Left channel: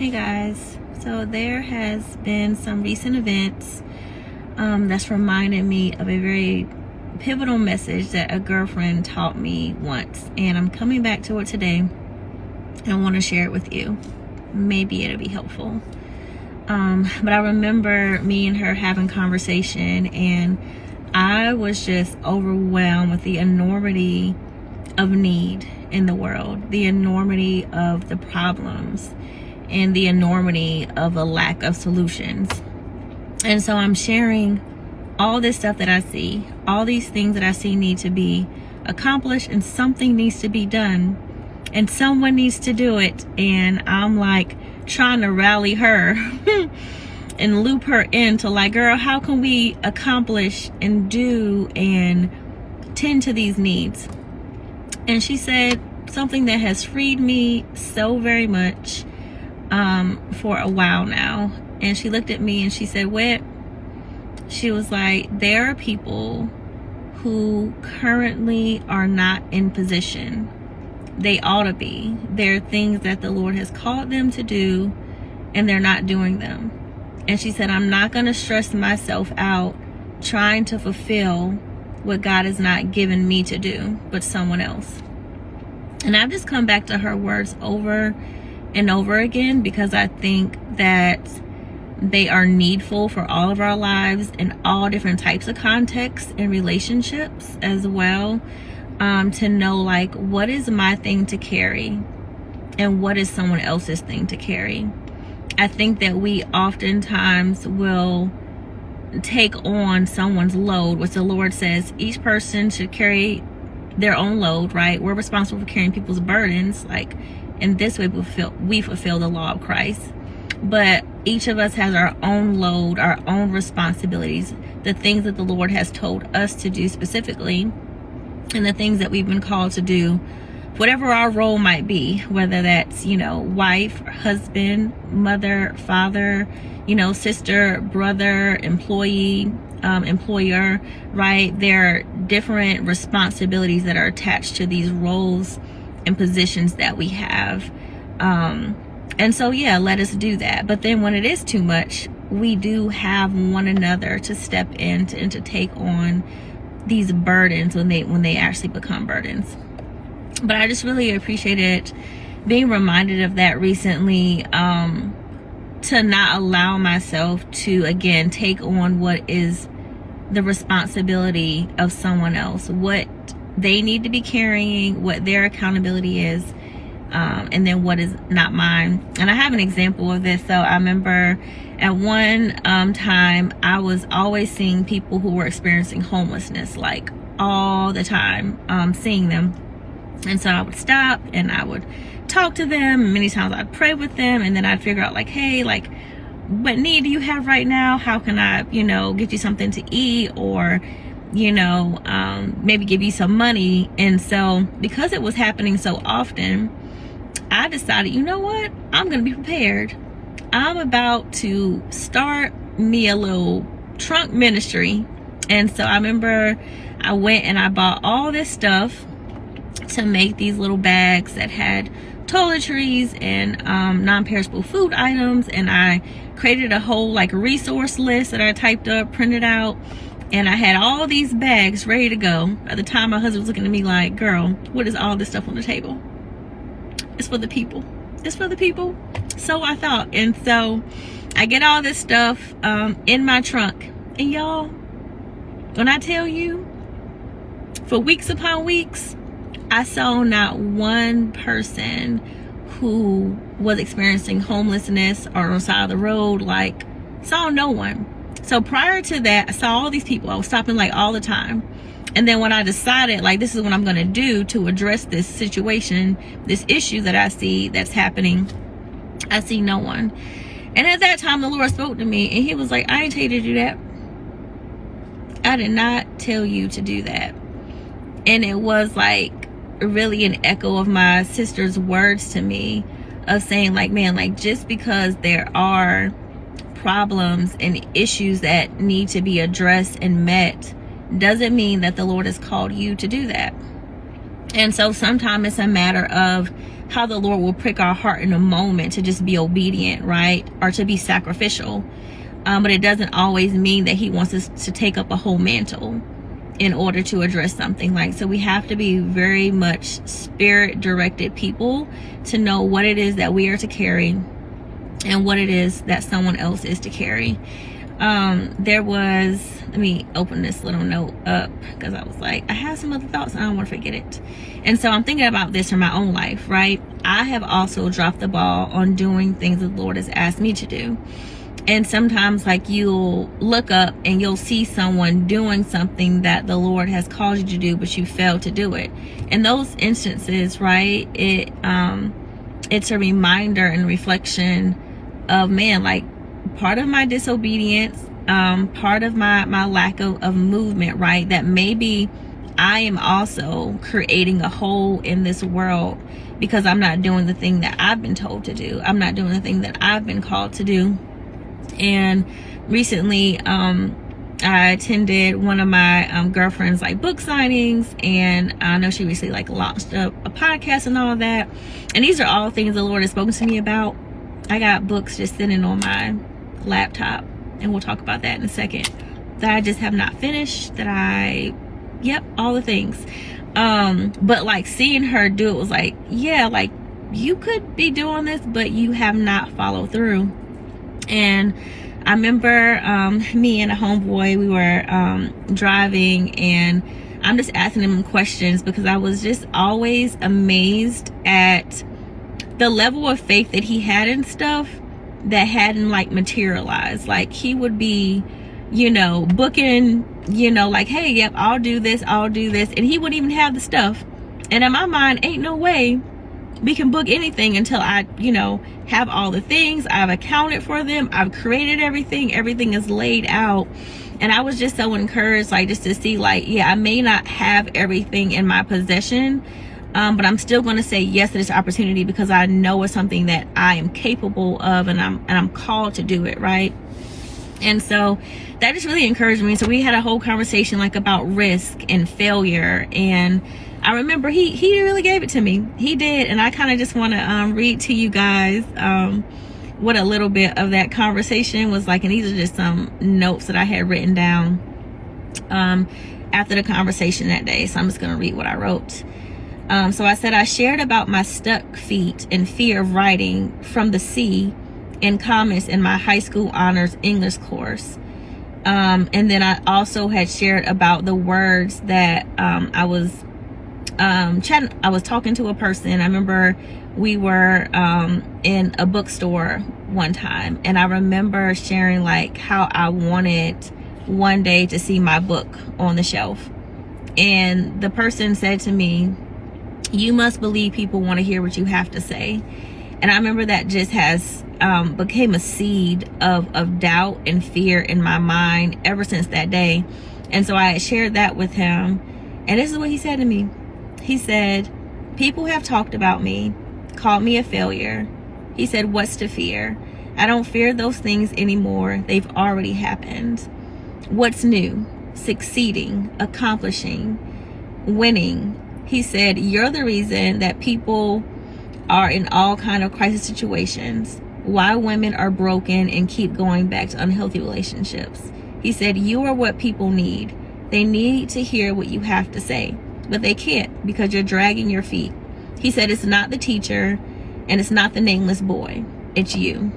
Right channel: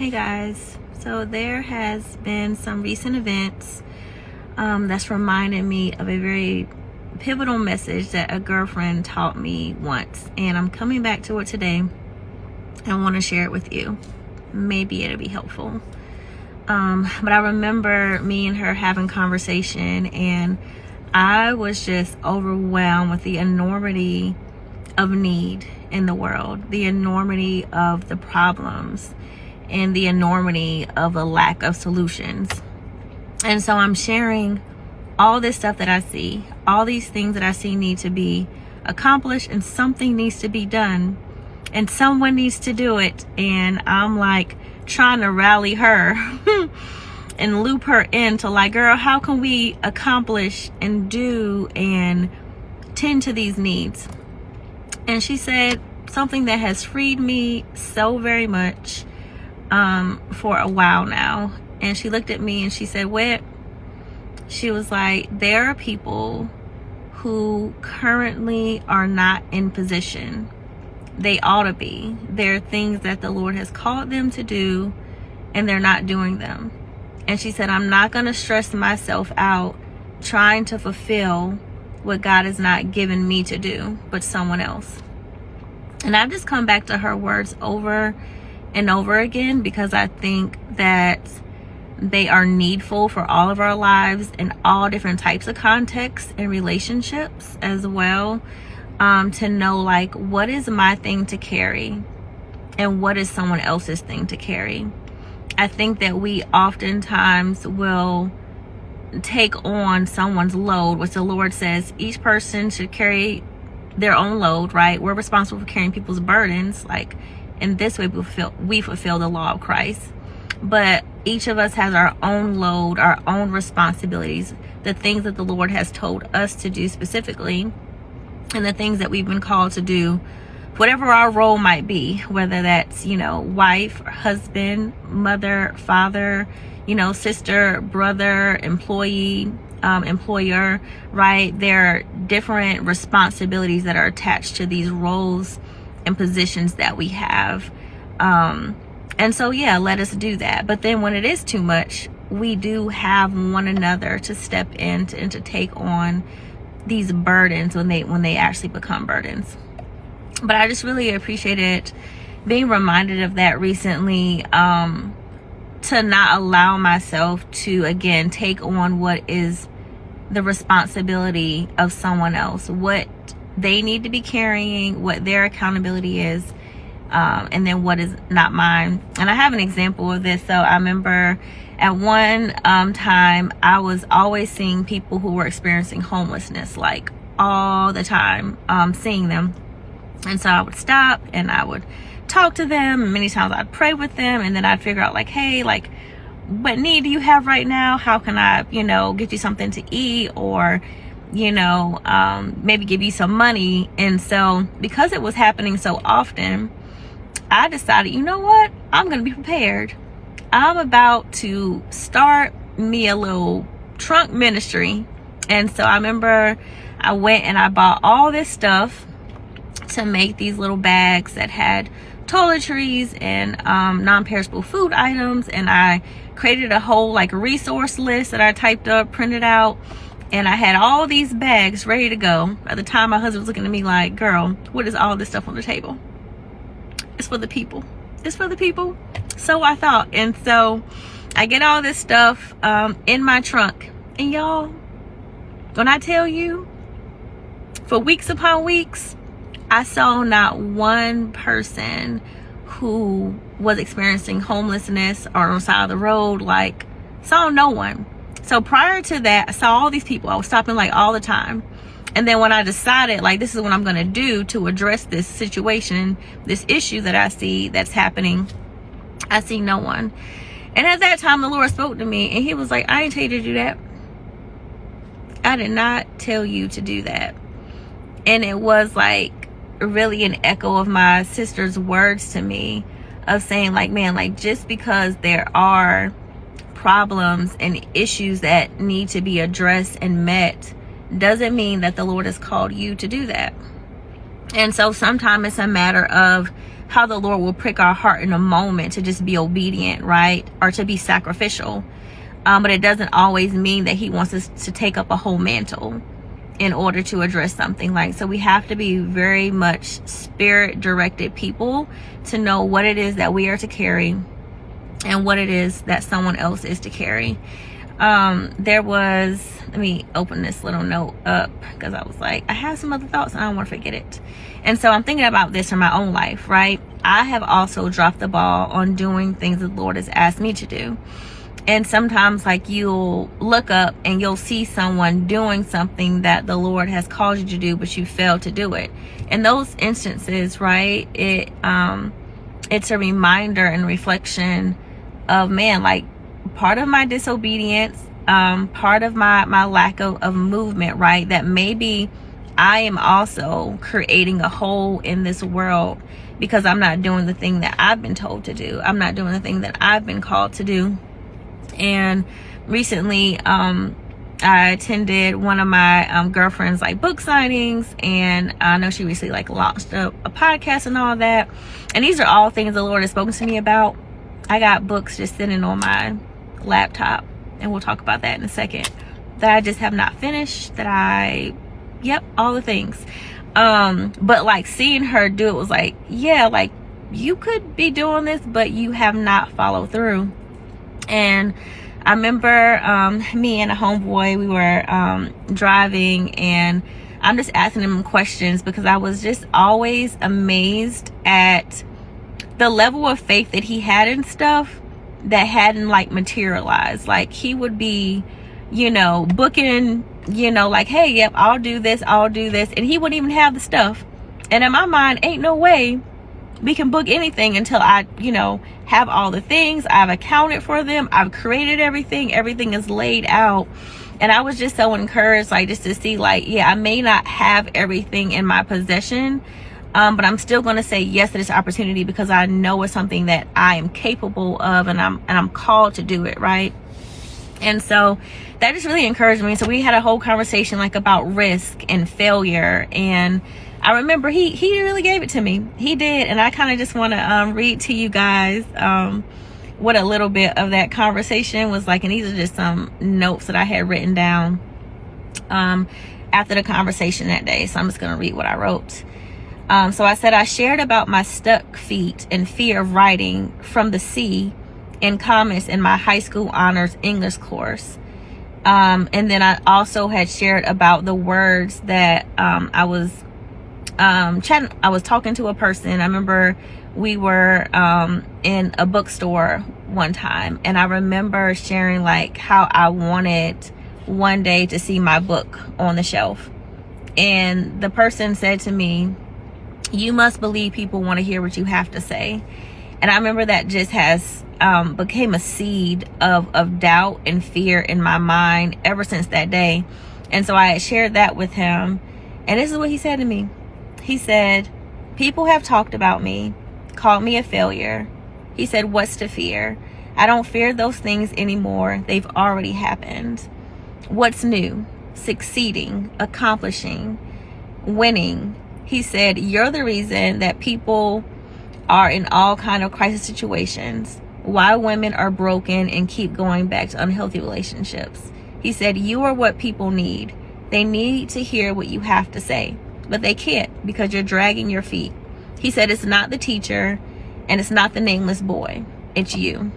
Hey guys, so there has been some recent events that's reminded me of a very pivotal message that a girlfriend taught me once, and I'm coming back to it today. I want to share it with you. Maybe it'll be helpful. But I remember me and her having conversation, and I was just overwhelmed with the enormity of need in the world, the enormity of the problems, and the enormity of a lack of solutions. And so I'm sharing all this stuff that I see, all these things that I see need to be accomplished, and something needs to be done, and someone needs to do it. And I'm like trying to rally her and loop her into like, girl, how can we accomplish and do and tend to these needs? And she said something that has freed me so very much for a while now. And she looked at me and she said, "What?" She was like, there are people who currently are not in position they ought to be. There are things that the Lord has called them to do, and they're not doing them. And she said, I'm not going to stress myself out trying to fulfill what God has not given me to do, but someone else. And I've just come back to her words over and over again, because I think that they are needful for all of our lives in all different types of contexts and relationships as well, to know like, what is my thing to carry and what is someone else's thing to carry. I think that we oftentimes will take on someone's load, which the Lord says each person should carry their own load, right? We're responsible for carrying people's burdens. Like, in this way, we fulfill the law of Christ. But each of us has our own load, our own responsibilities, the things that the Lord has told us to do specifically, and the things that we've been called to do, whatever our role might be, whether that's, wife, husband, mother, father, sister, brother, employee, employer, right? There are different responsibilities that are attached to these roles and positions that we have. And so, yeah, let us do that. But then when it is too much, we do have one another to step in and to take on these burdens when they actually become burdens. But I just really appreciated being reminded of that recently, to not allow myself to, again, take on what is the responsibility of someone else, what they need to be carrying, what their accountability is, and then what is not mine. And I have an example of this. So I remember at one time, I was always seeing people who were experiencing homelessness, like all the time, seeing them. And so I would stop and I would talk to them, and many times I'd pray with them, and then I'd figure out like, hey, like, what need do you have right now? How can I, get you something to eat, or maybe give you some money. And so because it was happening so often, I decided, you know what? I'm going to be prepared. I'm about to start me a little trunk ministry. And so I remember I went and I bought all this stuff to make these little bags that had toiletries and non-perishable food items. And I created a whole like resource list that I typed up, printed out. And I had all these bags ready to go. At the time, my husband was looking at me like, girl, what is all this stuff on the table? It's for the people. It's for the people. So I thought. And so I get all this stuff in my trunk. And y'all, when I tell you, for weeks upon weeks, I saw not one person who was experiencing homelessness or on the side of the road, like, saw no one. So prior to that, I saw all these people. I was stopping like all the time. And then when I decided like, this is what I'm going to do to address this situation, this issue that I see that's happening, I see no one. And at that time, the Lord spoke to me and he was like, I ain't tell you to do that. I did not tell you to do that. And it was like really an echo of my sister's words to me of saying like, man, like, just because there are problems and issues that need to be addressed and met doesn't mean that the Lord has called you to do that. And so sometimes it's a matter of how the Lord will prick our heart in a moment to just be obedient, right? Or to be sacrificial. But it doesn't always mean that he wants us to take up a whole mantle in order to address something. Like, so we have to be very much spirit directed people to know what it is that we are to carry and what it is that someone else is to carry. There was, let me open this little note up because I was like, I have some other thoughts and I don't want to forget it. And so I'm thinking about this in my own life, right? I have also dropped the ball on doing things the Lord has asked me to do. And sometimes, like, you'll look up and you'll see someone doing something that the Lord has called you to do, but you failed to do it. In those instances, right, it's a reminder and reflection of, man, like, part of my disobedience, part of my lack of movement, right, that maybe I am also creating a hole in this world because I'm not doing the thing that I've been told to do. I'm not doing the thing that I've been called to do. And recently, I attended one of my girlfriend's like book signings, and I know she recently like launched a podcast and all that. And these are all things the Lord has spoken to me about. I got books just sitting on my laptop, and we'll talk about that in a second, that I just have not finished, all the things. But like seeing her do it was like, yeah, like you could be doing this, but you have not followed through. And I remember me and a homeboy, we were driving, and I'm just asking him questions because I was just always amazed at the level of faith that he had in stuff that hadn't like materialized. Like he would be, booking, like, hey, yep, I'll do this. And he wouldn't even have the stuff. And in my mind, ain't no way we can book anything until I, have all the things. I've accounted for them. I've created everything. Everything is laid out. And I was just so encouraged, like, just to see, like, yeah, I may not have everything in my possession, but I'm still going to say yes to this opportunity because I know it's something that I am capable of, and I'm called to do it, right? And so that just really encouraged me. So we had a whole conversation like about risk and failure, and I remember he really gave it to me. He did. And I kind of just want to read to you guys what a little bit of that conversation was like. And these are just some notes that I had written down after the conversation that day. So I'm just going to read what I wrote. So I said, I shared about my stuck feet and fear of writing from the sea in comments in my high school honors English course. And then I also had shared about the words that I was talking to a person. I remember we were in a bookstore one time, and I remember sharing like how I wanted one day to see my book on the shelf. And the person said to me, you must believe people want to hear what you have to say. And I remember that just has became a seed of doubt and fear in my mind ever since that day. And so I had shared that with him, and this is what he said to me. He said, people have talked about me, called me a failure. He said, what's to fear? I don't fear those things anymore. They've already happened. What's new? Succeeding, accomplishing, winning. He said, you're the reason that people are in all kind of crisis situations, why women are broken and keep going back to unhealthy relationships. He said, you are what people need. They need to hear what you have to say, but they can't because you're dragging your feet. He said, it's not the teacher and it's not the nameless boy. It's you.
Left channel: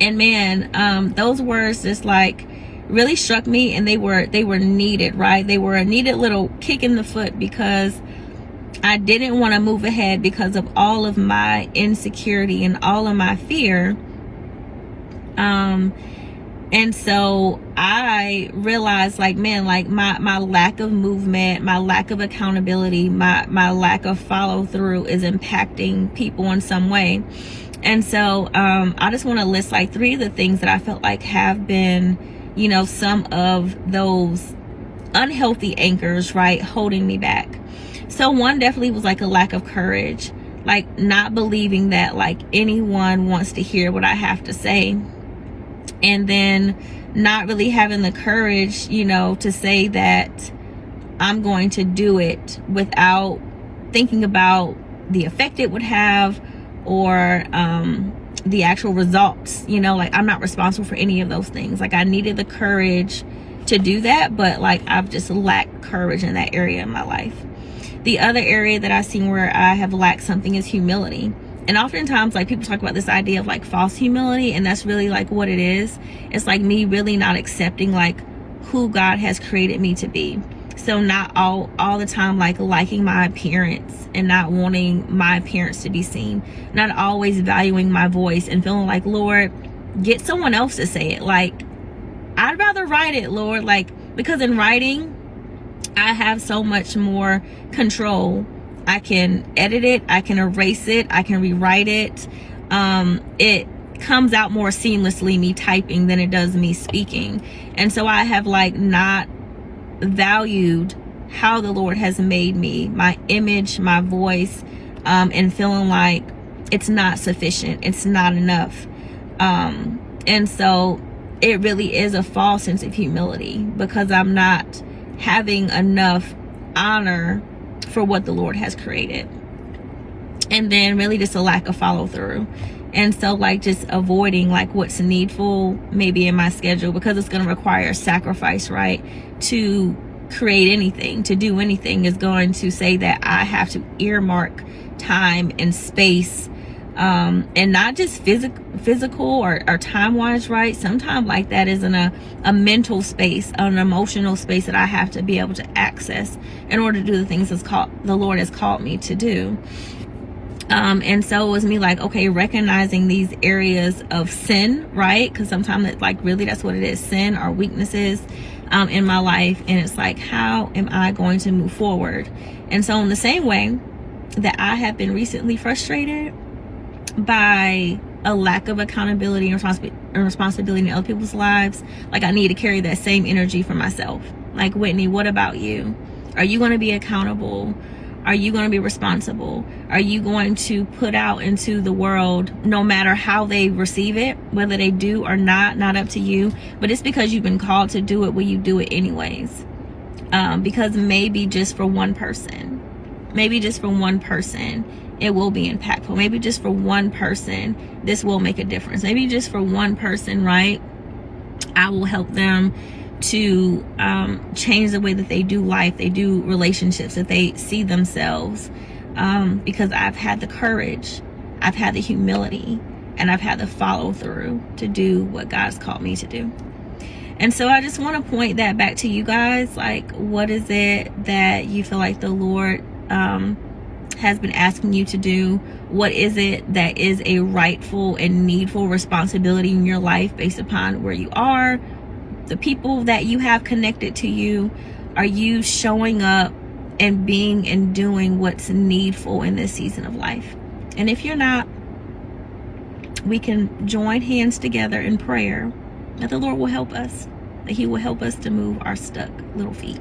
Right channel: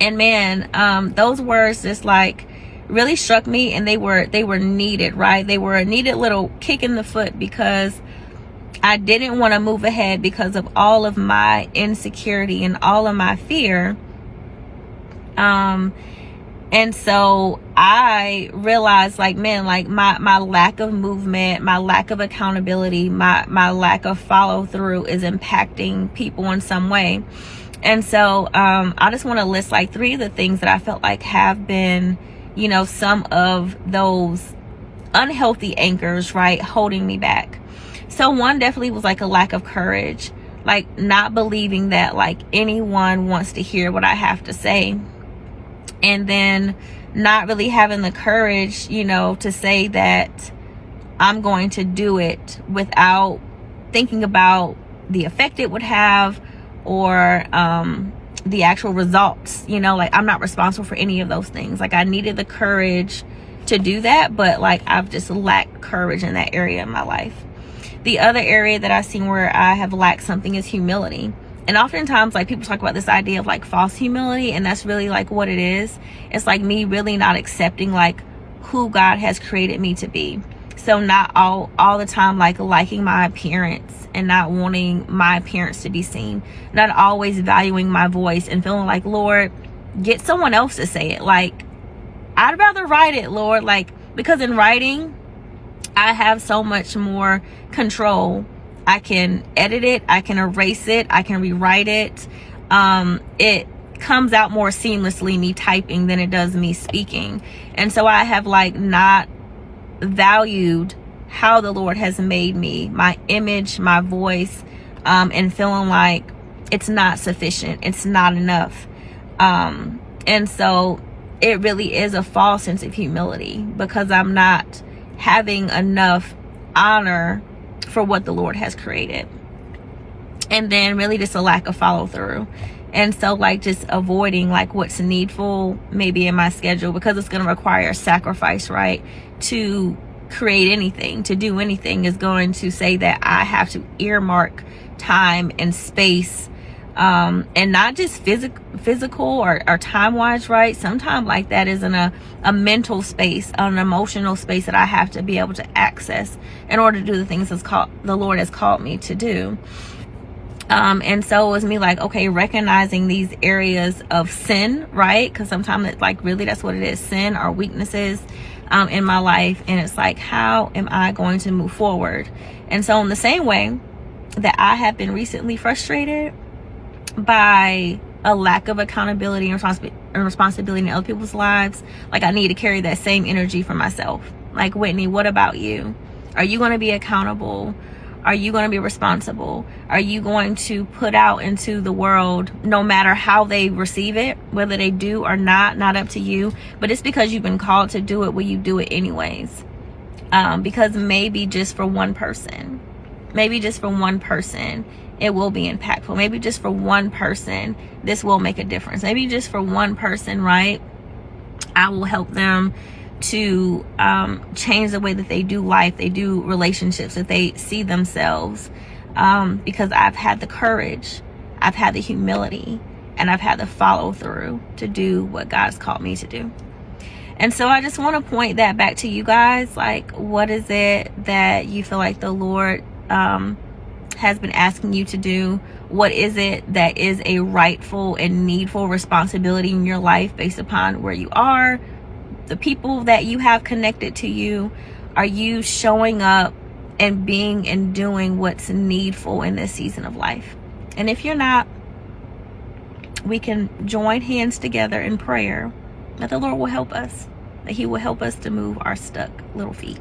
And man, those words just like really struck me, and they were needed, right? They were a needed little kick in the foot because I didn't want to move ahead because of all of my insecurity and all of my fear. And so I realized, like, man, like my lack of movement, my lack of accountability, my lack of follow through is impacting people in some way. And so I just want to list like 3 of the things that I felt like have been, some of those unhealthy anchors, right, holding me back. So one definitely was like a lack of courage, like not believing that like anyone wants to hear what I have to say. And then not really having the courage, to say that I'm going to do it without thinking about the effect it would have, or the actual results. You know, like I'm not responsible for any of those things. Like I needed the courage to do that, but like I've just lacked courage in that area in my life. The other area that I've seen where I have lacked something is humility. And oftentimes, like, people talk about this idea of like false humility, and that's really like what it is. It's like me really not accepting like who God has created me to be. So not all the time like liking my appearance and not wanting my appearance to be seen, not always valuing my voice and feeling like, Lord, get someone else to say it. Like, I'd rather write it, Lord, like, because in writing I have so much more control. I can edit it, I can erase it, I can rewrite it. It comes out more seamlessly me typing than it does me speaking. And so I have like not valued how the Lord has made me, my image, my voice, and feeling like it's not sufficient, it's not enough. And so it really is a false sense of humility, because I'm not having enough honor for what the Lord has created. And then really just a lack of follow through. And so like just avoiding like what's needful maybe in my schedule, because it's going to require sacrifice, right? To create anything, to do anything is going to say that I have to earmark time and space, and not just physical or time wise, right? Sometimes like that is in a mental space, an emotional space that I have to be able to access in order to do the things the Lord has called me to do. And so it was me like, okay, recognizing these areas of sin, right? Because sometimes it's like really that's what it is, sin or weaknesses in my life. And it's like, how am I going to move forward? And so in the same way that I have been recently frustrated by a lack of accountability and responsibility in other people's lives, like I need to carry that same energy for myself. Like, Whitney, what about you? Are you going to be accountable? Are you going to be responsible? Are you going to put out into the world, no matter how they receive it, whether they do or not up to you, but it's because you've been called to do it, will you do it anyways? Because maybe just for one person, it will be impactful. Maybe just for one person, this will make a difference. Maybe just for one person, right? I will help them to change the way that they do life, they do relationships, that they see themselves, because I've had the courage, I've had the humility, and I've had the follow through to do what God's called me to do. And so I just want to point that back to you guys. Like, what is it that you feel like the Lord has been asking you to do? What is it that is a rightful and needful responsibility in your life based upon where you are, the people that you have connected to you? Are you showing up and being and doing what's needful in this season of life? And if you're not, we can join hands together in prayer that the Lord will help us, that He will help us to move our stuck little feet.